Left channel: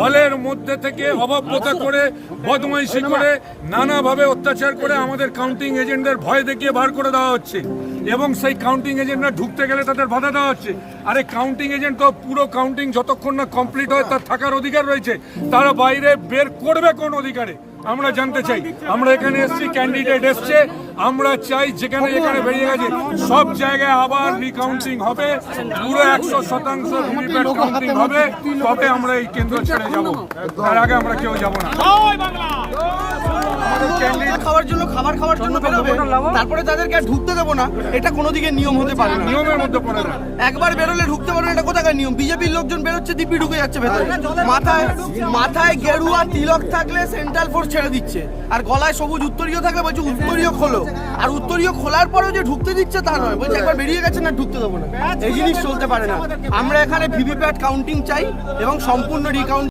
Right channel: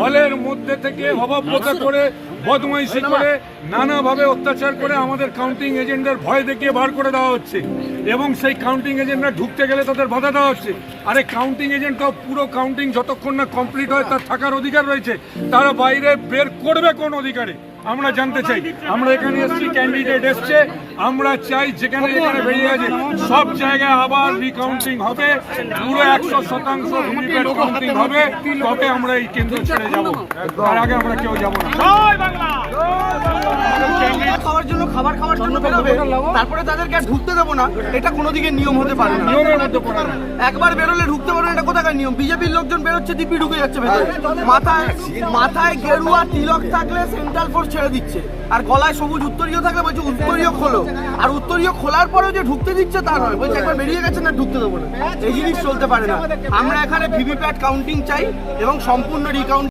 হলের মধ্যে থেকে অভাবতা করে, বদমাইশি করে, নানাভাবে অত্যাচার করে আমাদের কাউন্টিং এজেন্টদের ভয় দেখিয়ে বার করে দেওয়া হচ্ছে এবং সেই কাউন্টিং এজেন্টরা ঢুকতে গেলে তাদের বাধা দেওয়া হচ্ছে। আরে কাউন্টিং এজেন্ট তো পুরো কাউন্টিং যতক্ষণ না কমপ্লিট হয় তার থাকার অধিকার রয়েছে, তারা বাইরে বের করবে কোন অধিকারে আমরা জানতে চাই। আমরা এখানে এসেছি, ক্যান্ডিডেট এসছে, আমরা চাই যেখানে যেখানে বেরিয়ে গেছে সব জায়গায় আবার রিকাউন্টিং হবে, পুরো 100% ভিভিপ্যাট কাউন্টিং হবে, তবে আমরা এই কেন্দ্র ছেড়ে যাব, তার আগে আমরা কেউ যাব না। খাওয়ার জন্য খাবার খাওয়ার জন্য তারপরে তাদেরকে আর ঢুকতে দেবো না, এটা কোনো দিকে নিয়ম হতে পারে না। নিয়মের মধ্যে পড়ে না, একবার বেরোলে ঢুকতে পারে না, এটা কোথাকার নিয়ম? বিজেপির লোকজন বেরোচ্ছে, দিব্যি ঢুকে যাচ্ছে ভেতরে। মাথায় গেরুয়া তিলক থাকলে সেন্ট্রাল ফোর্স ছেড়ে দিচ্ছে, আর গলায় সবুজ উত্তরীয় থাকে, বলছে উত্তরীয় খোলো, আর উত্তরীয় খোলার পরেও যে ঢুকতে দিচ্ছে তা নয়, বলছে একবার বেরিয়ে গেছে না ঢুকতে দেবো না। এই জিনিস চলতে পারে না। আমরা এখানে ভিভিপ্যাট কাউন্টিং চাই এবং সম্পূর্ণ রিকাউন্ট